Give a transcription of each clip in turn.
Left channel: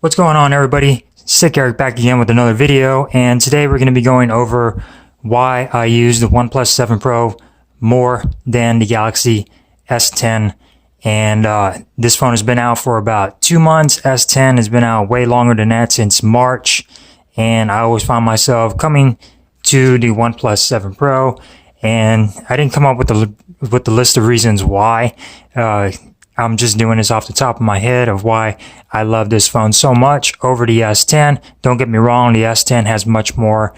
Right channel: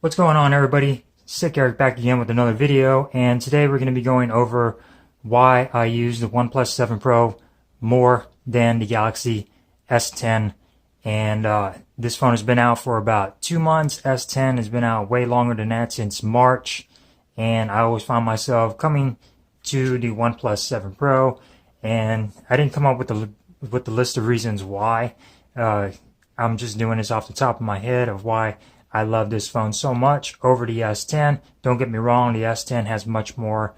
What's going on, everybody? Sick Eric back again with another video, and today we're going to be going over why I use the OnePlus 7 Pro more than the Galaxy S10. And this phone has been out for about 2 months. S10 has been out way longer than that, since March, and I always found myself coming to the OnePlus 7 Pro, and I didn't come up with the list of reasons why. I'm just doing this off the top of my head of why I love this phone so much over the S10. Don't get me wrong, the S10 has much more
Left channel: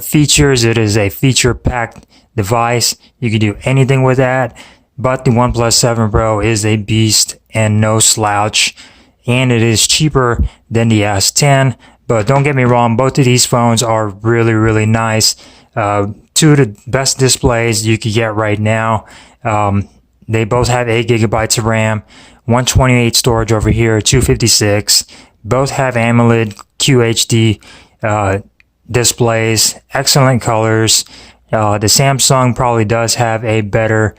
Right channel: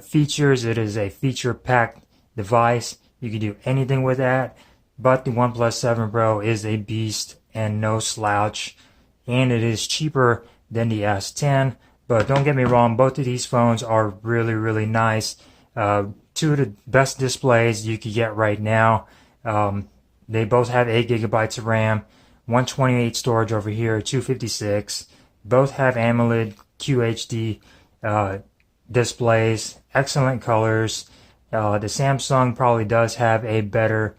features. It is a feature-packed device. You can do anything with that, but the OnePlus 7 Pro is a beast and no slouch, and it is cheaper than the S10. But don't get me wrong, both of these phones are really, really nice. Two of the best displays you could get right now. They both have 8 gigabytes of RAM, 128 storage over here, 256. Both have AMOLED QHD displays, excellent colors. The Samsung probably does have a better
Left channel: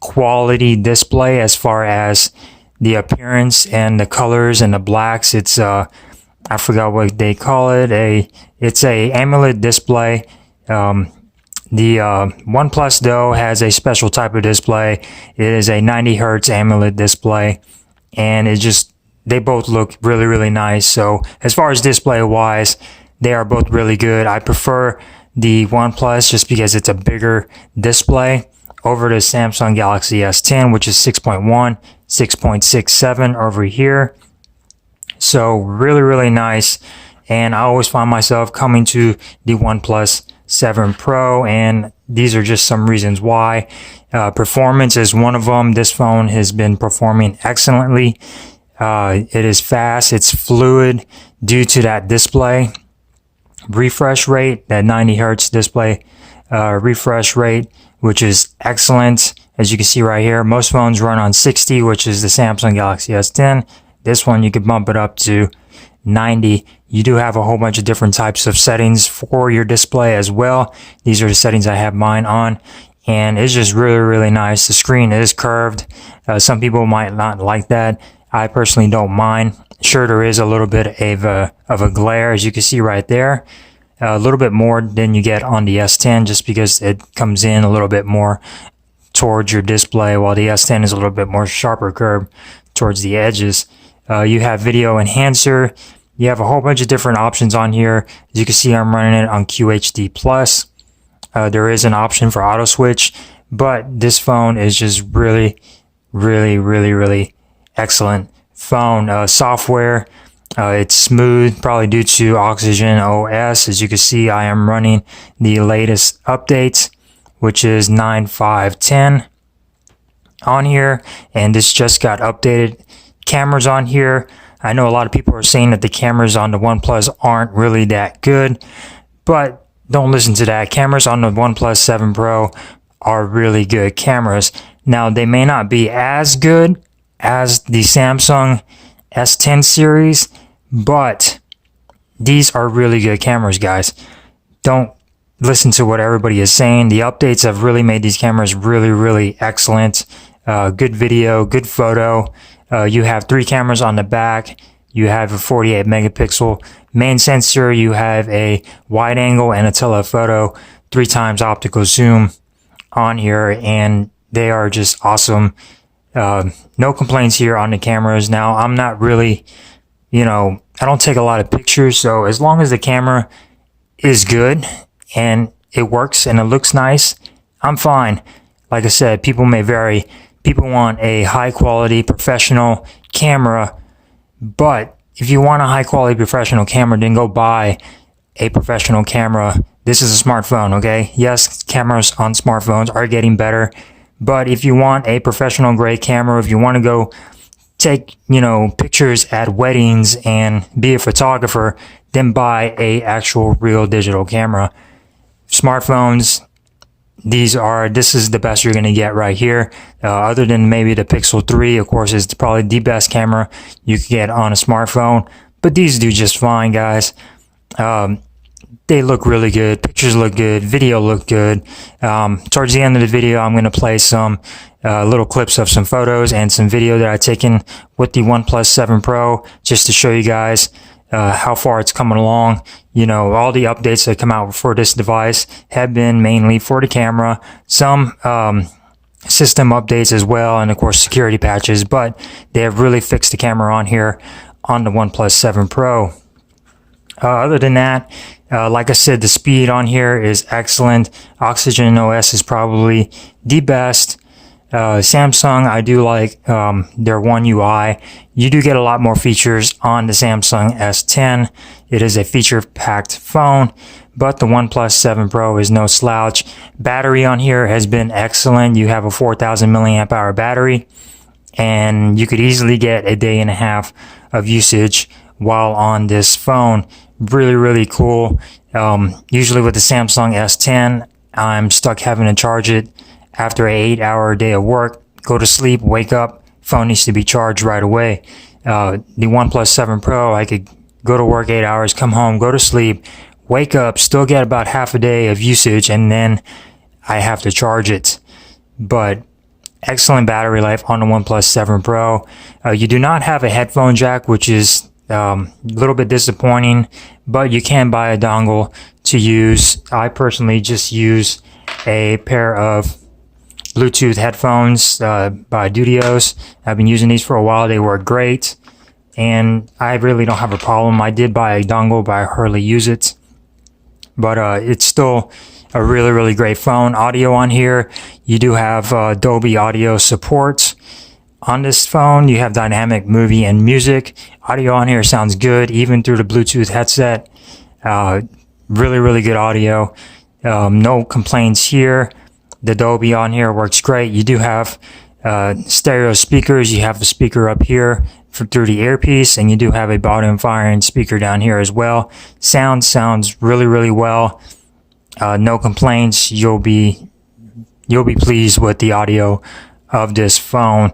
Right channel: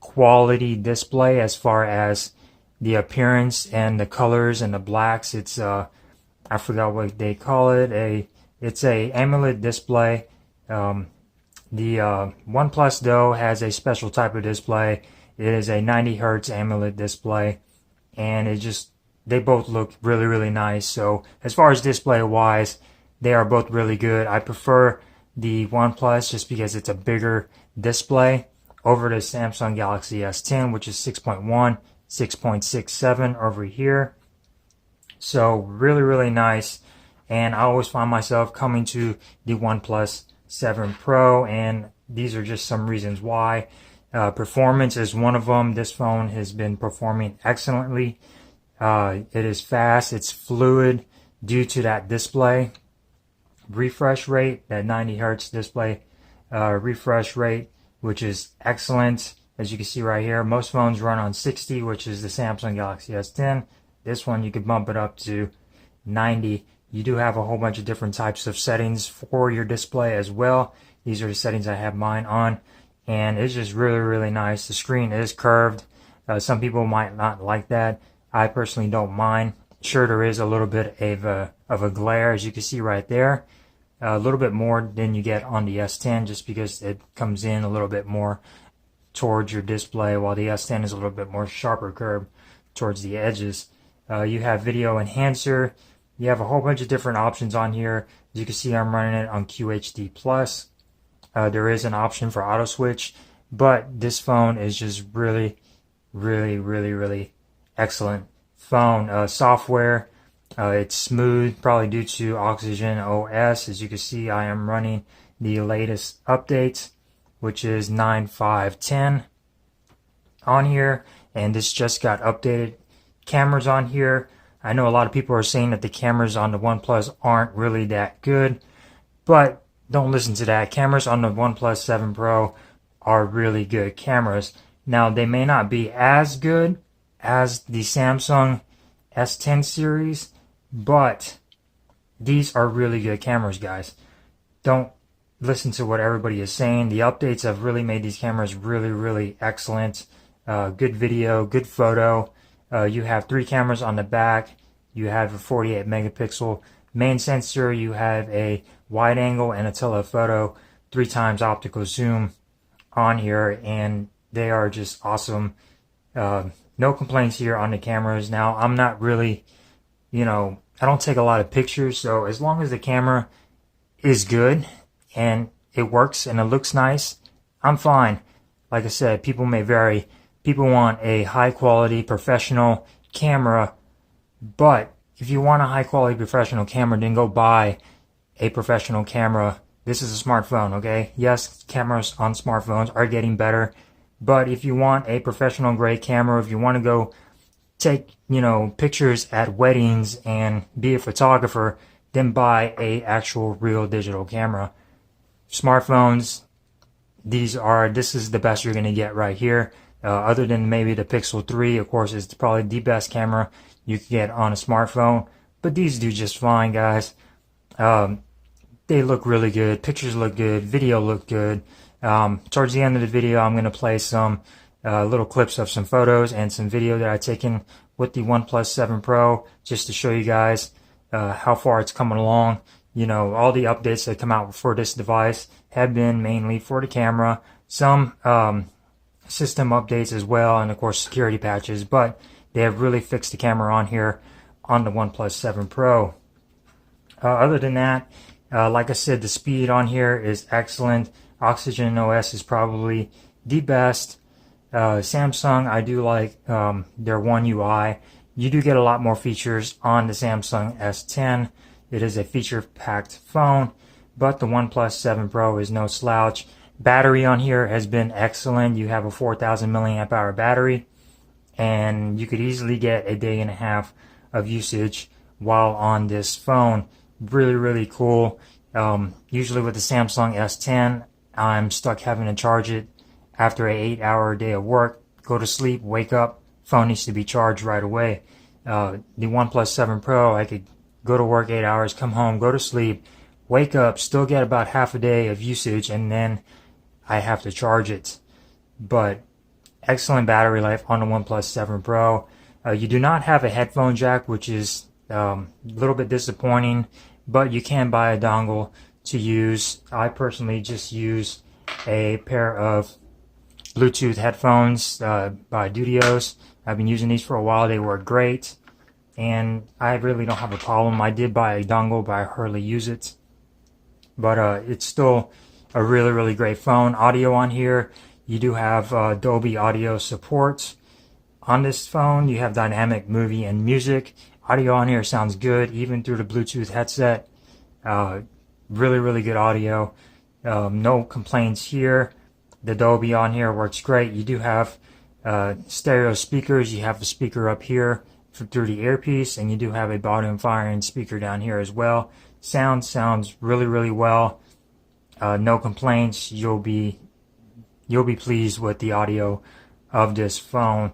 quality display as far as the appearance and the colors and the blacks. It's I forgot what they call it. It's a AMOLED display. The OnePlus though has a special type of display. It is a 90 Hertz AMOLED display, and they both look really, really nice. So as far as display wise, they are both really good. I prefer the OnePlus just because it's a bigger display over the Samsung Galaxy S10, which is 6.1, 6.67 over here. So really, really nice. And I always find myself coming to the OnePlus 7 Pro, and these are just some reasons why. Performance is one of them. This phone has been performing excellently. It is fast, it's fluid due to that display. Refresh rate, that 90 Hertz display refresh rate, which is excellent. As you can see right here, most phones run on 60, which is the Samsung Galaxy S10. This one you could bump it up to 90. You do have a whole bunch of different types of settings for your display as well. These are the settings I have mine on, and it's just really, really nice. The screen is curved. Some people might not like that. I personally don't mind. Sure, there is a little bit of a glare, as you can see right there. A little bit more than you get on the S10, just because it comes in a little bit more towards your display, while the S10 is a little bit more sharper curve towards the edges. You have video enhancer. You have a whole bunch of different options on here. As you can see, I'm running it on QHD+. There is an option for auto switch, but this phone is just really, really, really, really excellent phone. Software, it's smooth, probably due to Oxygen OS. As you can see, I am running the latest updates, which is 9.5.10 on here, and this just got updated. Cameras on here, I know a lot of people are saying that the cameras on the OnePlus aren't really that good, but don't listen to that. Cameras on the OnePlus 7 Pro are really good cameras. Now, they may not be as good as the Samsung S10 series, but these are really good cameras, guys. Don't listen to what everybody is saying. The updates have really made these cameras really, really excellent. Good video, good photo. You have 3 cameras on the back. You have a 48 megapixel main sensor. You have a wide angle and a telephoto 3 times optical zoom on here, and they are just awesome. No complaints here on the cameras. Now, I'm not really, I don't take a lot of pictures, so as long as the camera is good and it works and it looks nice, I'm fine. Like I said, people may vary. People want a high quality professional camera, but if you want a high quality professional camera, then go buy a professional camera. This is a smartphone, okay? Yes, cameras on smartphones are getting better, but if you want a professional grade camera, if you want to go take, pictures at weddings and be a photographer, then buy a actual real digital camera. Smartphones, this is the best you're going to get right here. Other than maybe the Pixel 3, of course, is probably the best camera you can get on a smartphone. But these do just fine, guys. they look really good. Pictures look good. Video look good. Towards the end of the video, I'm going to play some little clips of some photos and some video that I've taken with the OnePlus 7 Pro, just to show you guys how far it's coming along. You know, all the updates that come out for this device have been mainly for the camera, some system updates as well, and of course security patches, but they have really fixed the camera on here on the OnePlus 7 Pro. Other than that, like I said, the speed on here is excellent. Oxygen OS is probably the best. Samsung, I do like their One UI. You do get a lot more features on the Samsung S10. It is a feature-packed phone, but the OnePlus 7 Pro is no slouch. Battery on here has been excellent. You have a 4,000 milliamp hour battery, and you could easily get a day and a half of usage while on this phone. Really, really cool. Usually with the Samsung S10, I'm stuck having to charge it after an 8-hour day of work. Go to sleep, wake up, phone needs to be charged right away. The OnePlus 7 Pro, I could go to work 8 hours, come home, go to sleep, wake up, still get about half a day of usage, and then I have to charge it. But excellent battery life on the OnePlus 7 Pro. You do not have a headphone jack, which is a little bit disappointing, but you can buy a dongle to use. I personally just use a pair of Bluetooth headphones by Dudios. I've been using these for a while. They work great, and I really don't have a problem. I did buy a dongle, but I hardly use it. But it's still a really, really great phone. Audio on here, you do have Dolby Audio support. On this phone, you have dynamic movie and music. Audio on here sounds good, even through the Bluetooth headset. Really, really good audio. No complaints here. The Dolby on here works great. You do have stereo speakers. You have a speaker up here through the earpiece, and you do have a bottom firing speaker down here as well. Sounds really, really well. No complaints. You'll be pleased with the audio of this phone.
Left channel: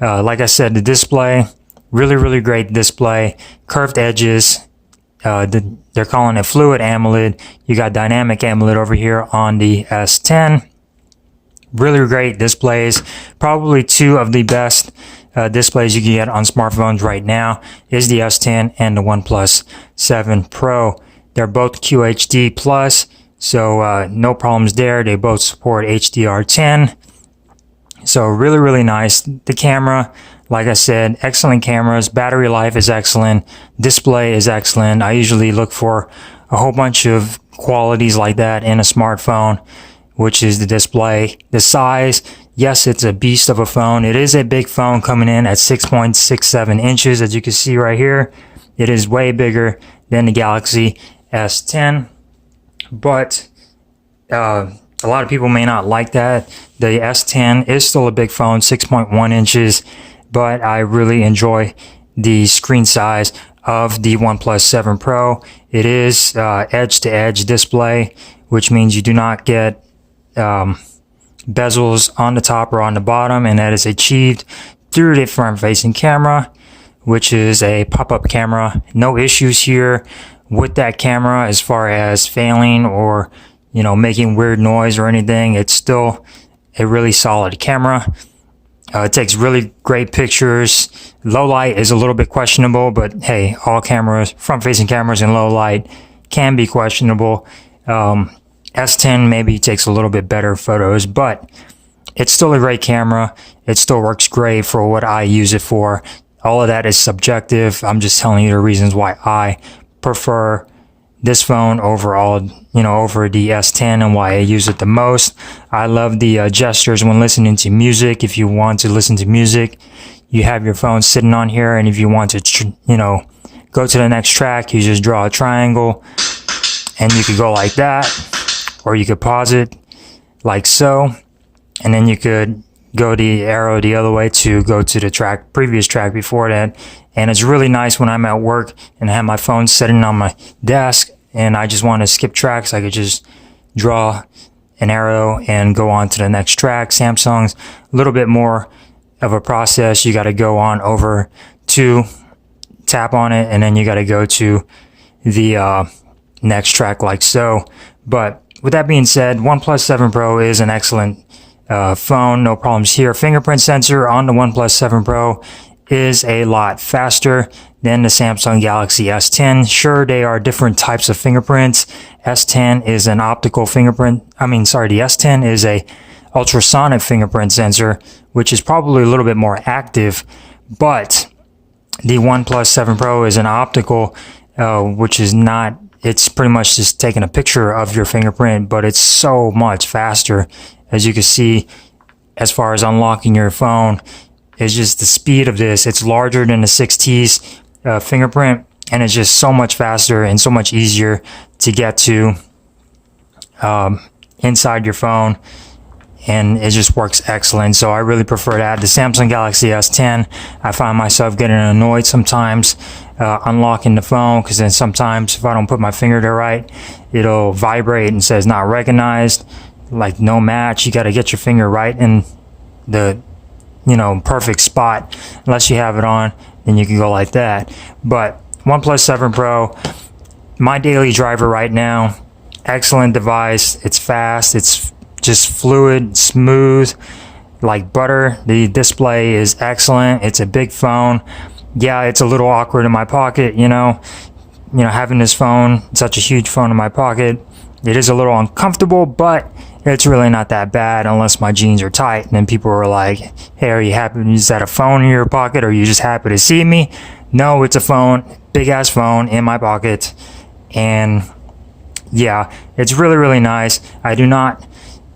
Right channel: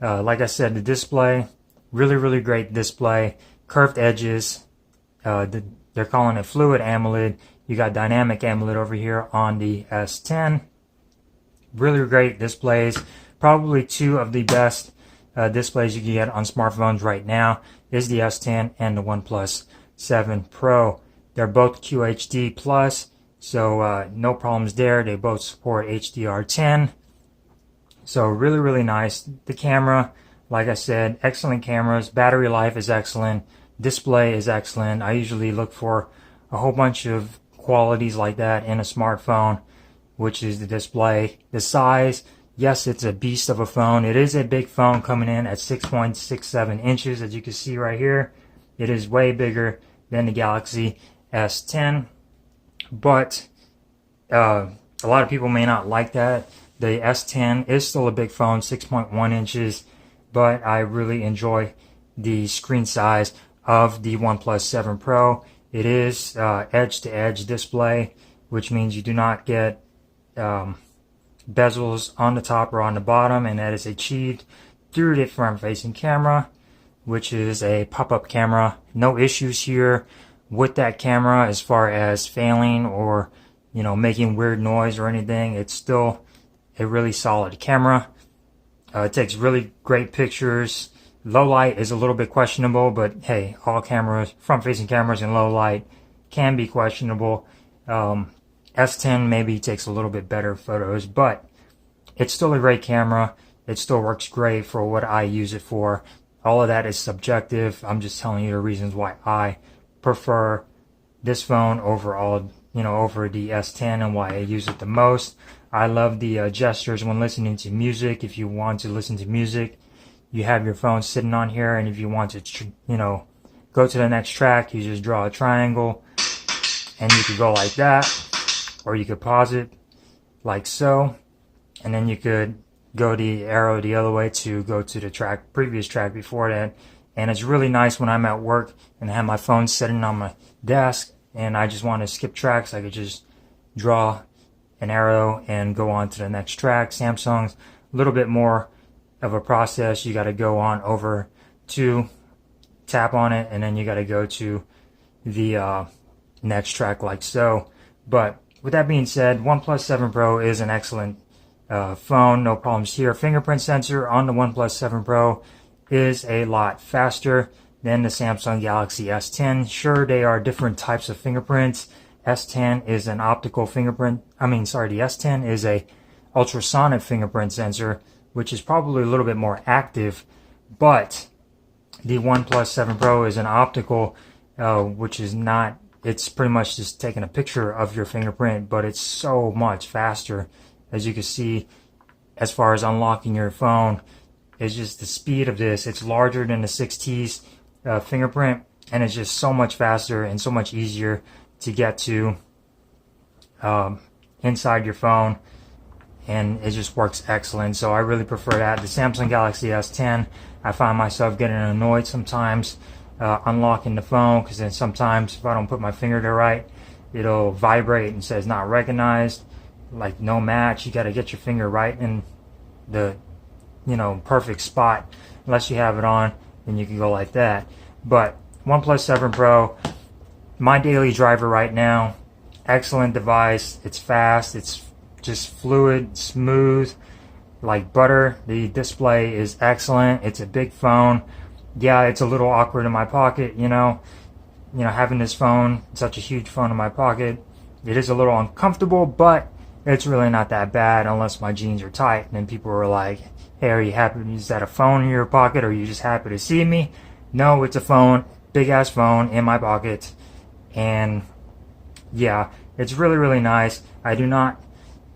Like I said, the display, really, really great display. Curved edges. They're calling it Fluid AMOLED. You got Dynamic AMOLED over here on the S10. Really great displays. Probably two of the best displays you can get on smartphones right now is the S10 and the OnePlus 7 Pro. They're both QHD plus, so no problems there. They both support HDR10. So really, really nice. The camera, like I said, excellent cameras. Battery life is excellent. Display is excellent. I usually look for a whole bunch of qualities like that in a smartphone, which is the display. The size, yes, it's a beast of a phone. It is a big phone coming in at 6.67 inches, as you can see right here. It is way bigger than the Galaxy S10, but a lot of people may not like that. The S10 is still a big phone, 6.1 inches, but I really enjoy the screen size of the OnePlus 7 Pro. It is edge-to-edge display, which means you do not get bezels on the top or on the bottom, and that is achieved through the front-facing camera, which is a pop-up camera. No issues here with that camera as far as failing or, you know, making weird noise or anything. It's still a really solid camera. It takes really great pictures. Low light is a little bit questionable, but hey, all cameras, front-facing cameras in low light can be questionable. S10 maybe takes a little bit better photos, but it's still a great camera. It still works great for what I use it for. All of that is subjective. I'm just telling you the reasons why I prefer this phone overall, you know, over the S10, and why I use it the most. I love the gestures when listening to music. If you want to listen to music, you have your phone sitting on here, and if you want to, you know, go to the next track, you just draw a triangle, and you could go like that, or you could pause it like so, and then you could go the arrow the other way to go to the previous track before that. And it's really nice when I'm at work and I have my phone sitting on my desk and I just want to skip tracks. I could just draw an arrow and go on to the next track. Samsung's a little bit more of a process. You got to go on over to tap on it, and then you got to go to the next track like so. But with that being said, OnePlus 7 Pro is an excellent phone, no problems here. Fingerprint sensor on the OnePlus 7 Pro is a lot faster than the Samsung Galaxy S10. Sure, they are different types of fingerprints. S10 is an optical fingerprint. The S10 is a ultrasonic fingerprint sensor, which is probably a little bit more active, but the OnePlus 7 Pro is an optical, which is not, it's pretty much just taking a picture of your fingerprint, but it's so much faster. As you can see, as far as unlocking your phone, it's just the speed of this. It's larger than the 6T's fingerprint, and it's just so much faster and so much easier to get to inside your phone, and it just works excellent. So I really prefer that. The Samsung Galaxy S10, I find myself getting annoyed sometimes unlocking the phone, because then sometimes if I don't put my finger there right, it'll vibrate and says not recognized, like no match. You got to get your finger right in the perfect spot. Unless you have it on, then you can go like that. But OnePlus 7 Pro, my daily driver right now, excellent device. It's fast, it's just fluid, smooth, like butter. The display is excellent. It's a big phone. Yeah, it's a little awkward in my pocket, having this phone, such a huge phone in my pocket. It is a little uncomfortable, but it's really not that bad unless my jeans are tight. And then people are like, hey, are you happy? Is that a phone in your pocket? Or are you just happy to see me? No, it's a phone, big ass phone in my pocket. And yeah, it's really, really nice. I do not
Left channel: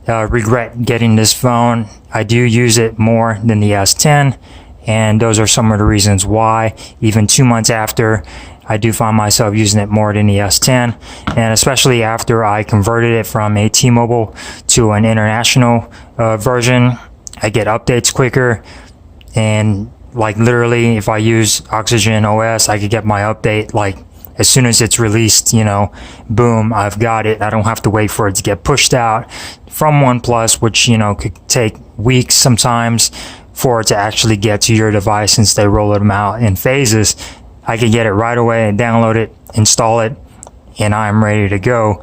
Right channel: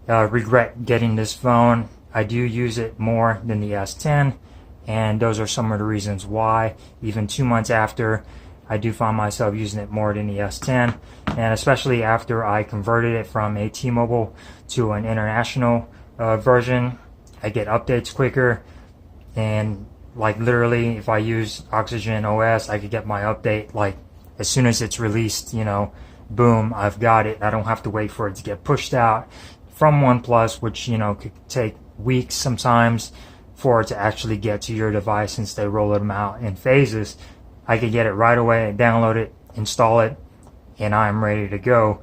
regret getting this phone. I do use it more than the S10. And those are some of the reasons why. Even 2 months after, I do find myself using it more than the S10, and especially after I converted it from a T-Mobile to an international version, I get updates quicker. And like literally, if I use Oxygen OS, I could get my update like as soon as it's released, boom, I've got it. I don't have to wait for it to get pushed out from OnePlus, which could take weeks sometimes for it to actually get to your device, since they roll them out in phases. I could get it right away and download it, install it, and I'm ready to go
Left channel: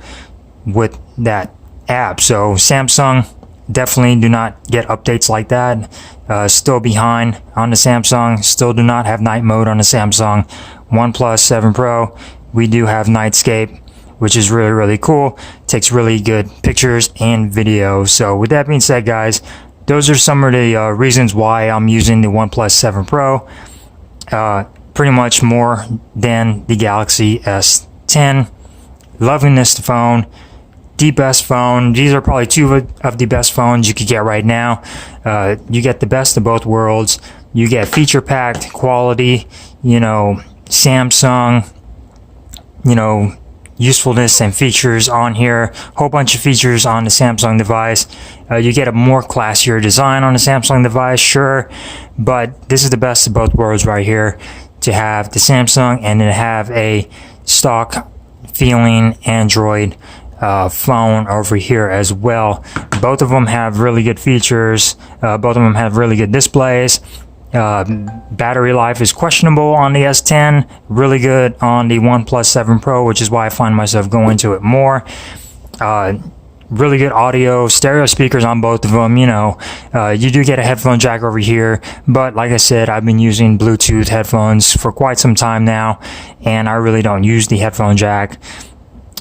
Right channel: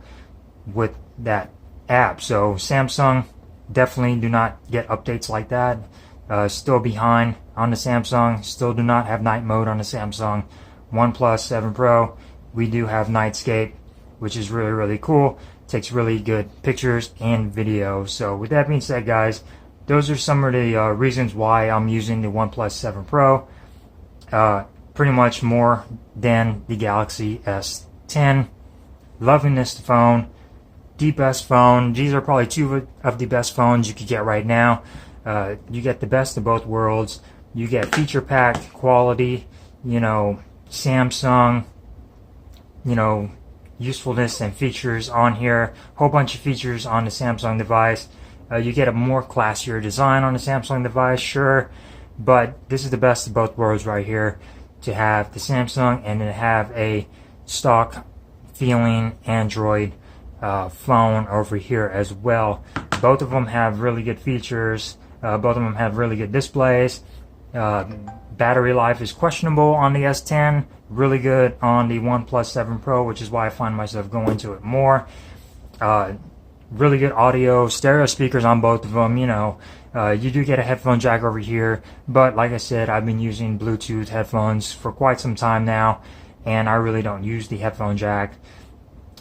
with that app. So Samsung, definitely do not get updates like that. Still behind on the Samsung. Still do not have night mode on the Samsung. OnePlus 7 Pro, we do have Nightscape, which is really, really cool. Takes really good pictures and video. So with that being said, guys, those are some of the reasons why I'm using the OnePlus 7 Pro. Pretty much more than the Galaxy S10. Loving this phone. The best phone. These are probably two of the best phones you could get right now. You get the best of both worlds. You get feature-packed quality, Samsung, usefulness and features on here. Whole bunch of features on the Samsung device. You get a more classier design on the Samsung device, sure, but this is the best of both worlds right here. To have the Samsung and then have a stock feeling Android phone over here as well. Both of them have really good features. Both of them have really good displays. Battery life is questionable on the S10, really good on the OnePlus 7 Pro, which is why I find myself going to it more. Really good audio, stereo speakers on both of them. You do get a headphone jack over here, but like I said, I've been using Bluetooth headphones for quite some time now, and I really don't use the headphone jack.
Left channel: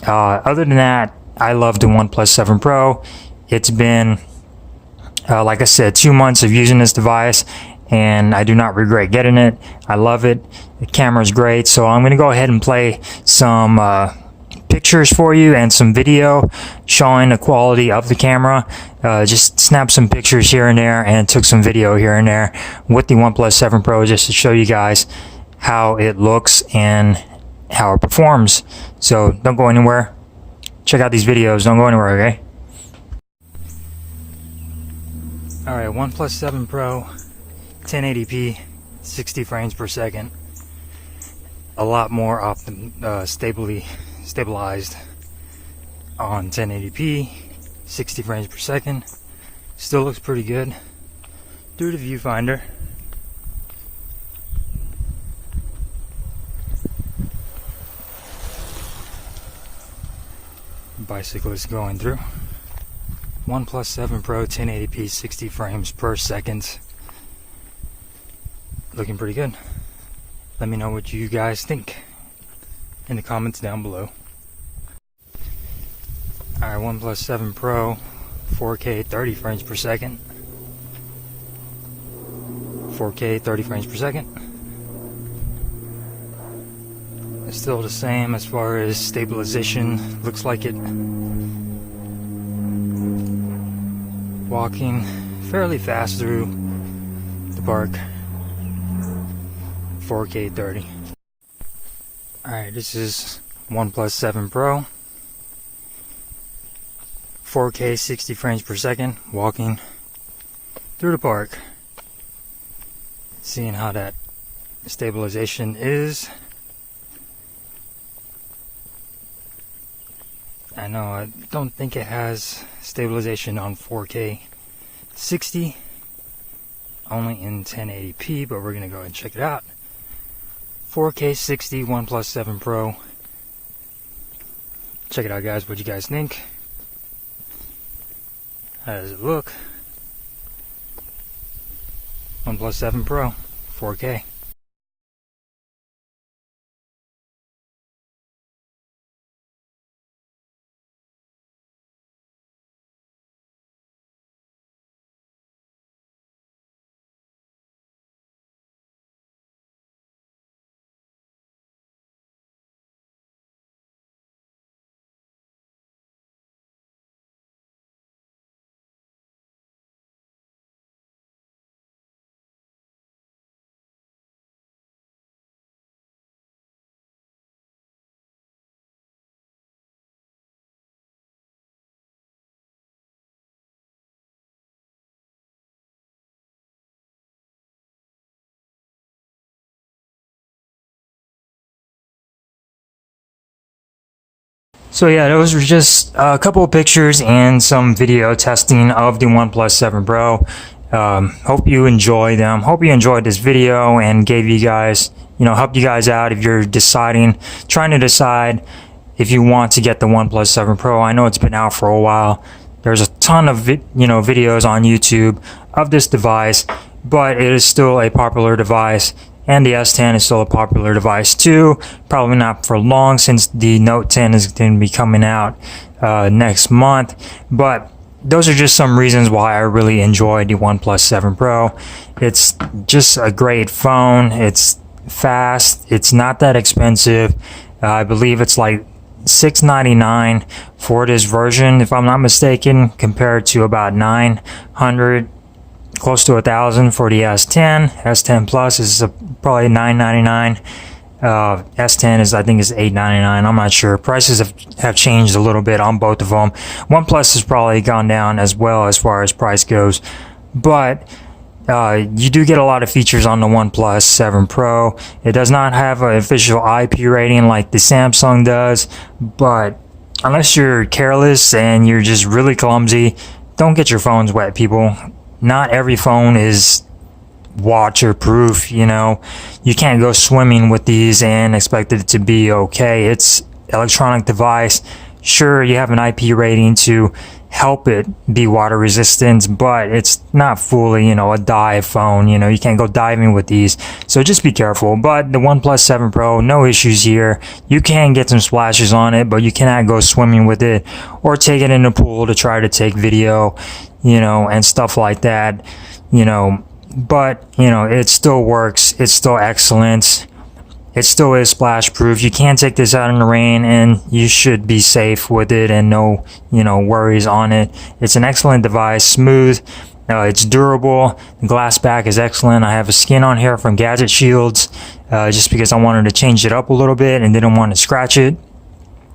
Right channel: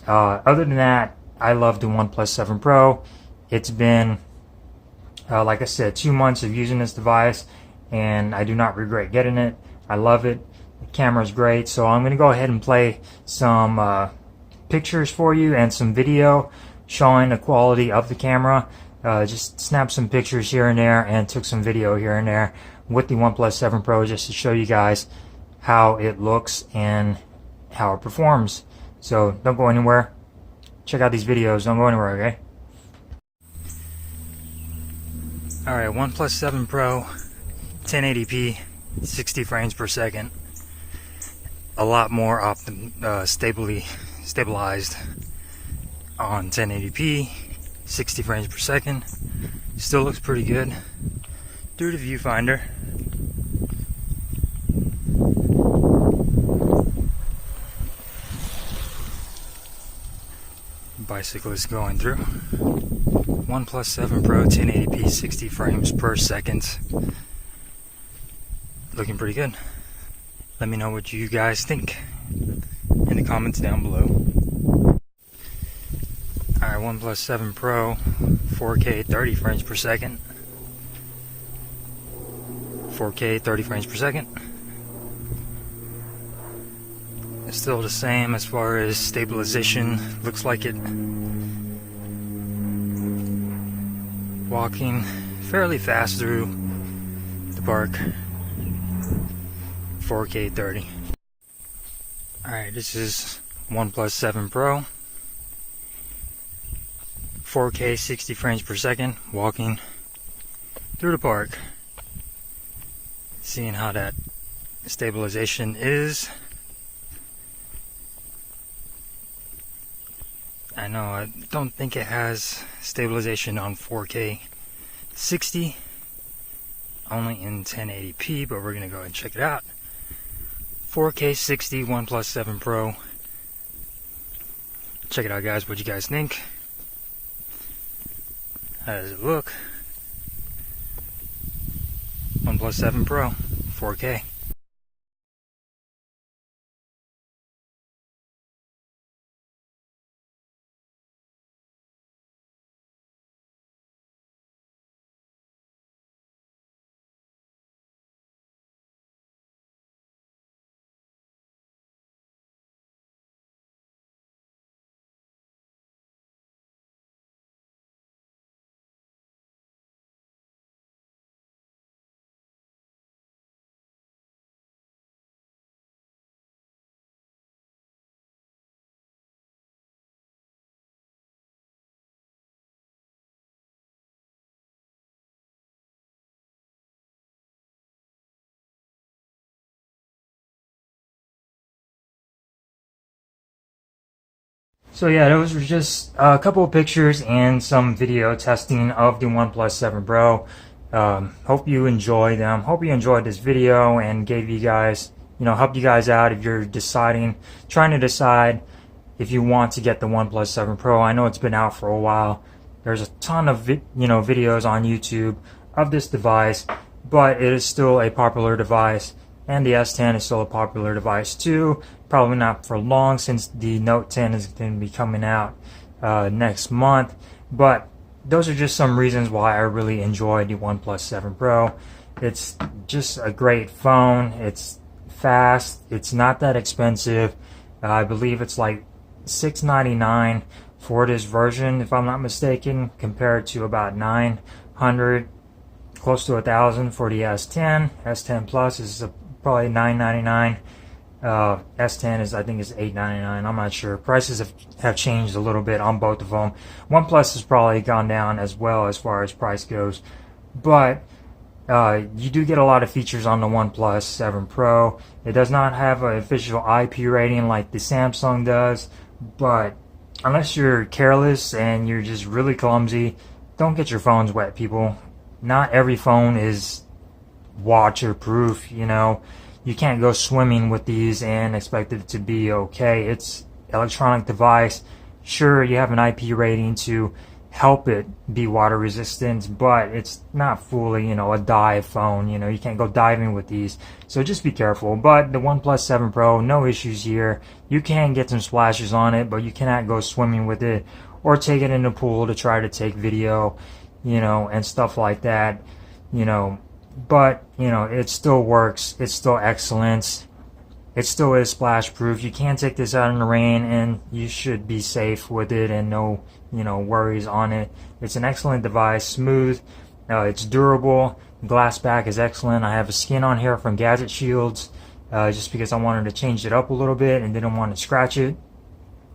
Other than that, I love the OnePlus 7 Pro. It's been, like I said, 2 months of using this device, and I do not regret getting it. I love it. The camera's great, so I'm going to go ahead and play some pictures for you and some video showing the quality of the camera. Just snapped some pictures here and there and took some video here and there with the OnePlus 7 Pro, just to show you guys how it looks and how it performs. So don't go anywhere. Check out these videos. Don't go anywhere, okay? Alright, OnePlus 7 Pro, 1080p, 60 frames per second. A lot more stabilized on 1080p, 60 frames per second. Still looks pretty good through the viewfinder. bicyclist going through. OnePlus 7 Pro 1080p 60 frames per second. Looking pretty good. Let me know what you guys think in the comments down below. Alright, OnePlus 7 Pro 4K 30 frames per second. 4K 30 frames per second. It's still the same as far as stabilization. Looks like it. Walking fairly fast through the park. 4K 30. Alright, this is OnePlus 7 Pro. 4K 60 frames per second. Walking through the park. Seeing how that stabilization is. I know, I don't think it has stabilization on 4K 60, only in 1080p, but we're gonna go ahead and check it out. 4K 60 OnePlus 7 Pro. Check it out, guys. What do you guys think? How does it look? OnePlus 7 Pro 4K. So yeah, those were just a couple of pictures and some video testing of the OnePlus 7 Pro. Hope you enjoy them. Hope you enjoyed this video and gave you guys, helped you guys out if you're trying to decide if you want to get the OnePlus 7 Pro. I know it's been out for a while. There's a ton of videos on YouTube of this device, but it is still a popular device. And the S10 is still a popular device too. Probably not for long, since the Note 10 is going to be coming out next month. But those are just some reasons why I really enjoyed the OnePlus 7 Pro. It's just a great phone. It's fast. It's not that expensive. I believe it's like $699 for this version, if I'm not mistaken, compared to about $900. Close to $1,000 for the S10. S10 Plus is probably $999. S10 is, I think, is $899. I'm not sure. Prices have changed a little bit on both of them. OnePlus has probably gone down as well as far as price goes, but you do get a lot of features on the OnePlus 7 Pro. It does not have an official IP rating like the Samsung does, but unless you're careless and you're just really clumsy, don't get your phones wet, people. Not every phone is waterproof, you can't go swimming with these and expect it to be okay. It's electronic device. Sure, you have an IP rating to help it be water resistant, but it's not fully, a dive phone. You can't go diving with these, so just be careful. But the OnePlus 7 Pro, no issues here. You can get some splashes on it, but you cannot go swimming with it or take it in the pool to try to take video, and stuff like that, but it still works. It's still excellent. It still is splash proof. You can take this out in the rain and you should be safe with it and no worries on it. It's an excellent device, smooth. It's durable. The glass back is excellent. I have a skin on here from Gadget Shields, just because I wanted to change it up a little bit and didn't want to scratch it.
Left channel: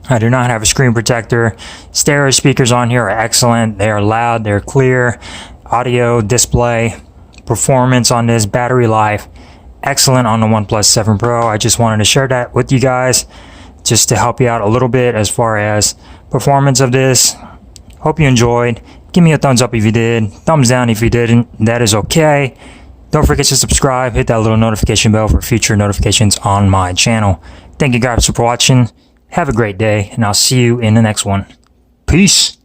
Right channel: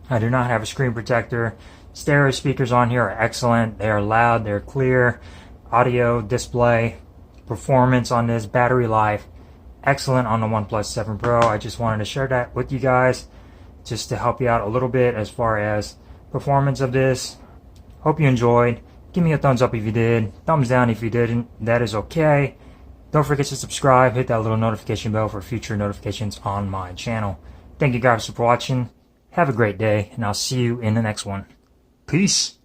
I do not have a screen protector. Stereo speakers on here are excellent. They are loud, they're clear. Audio, display, performance on this, battery life, excellent on the OnePlus 7 Pro. I just wanted to share that with you guys, just to help you out a little bit as far as performance of this. Hope you enjoyed. Give me a thumbs up if you did. Thumbs down if you didn't. That is okay. Don't forget to subscribe. Hit that little notification bell for future notifications on my channel. Thank you guys for watching. Have a great day, and I'll see you in the next one. Peace.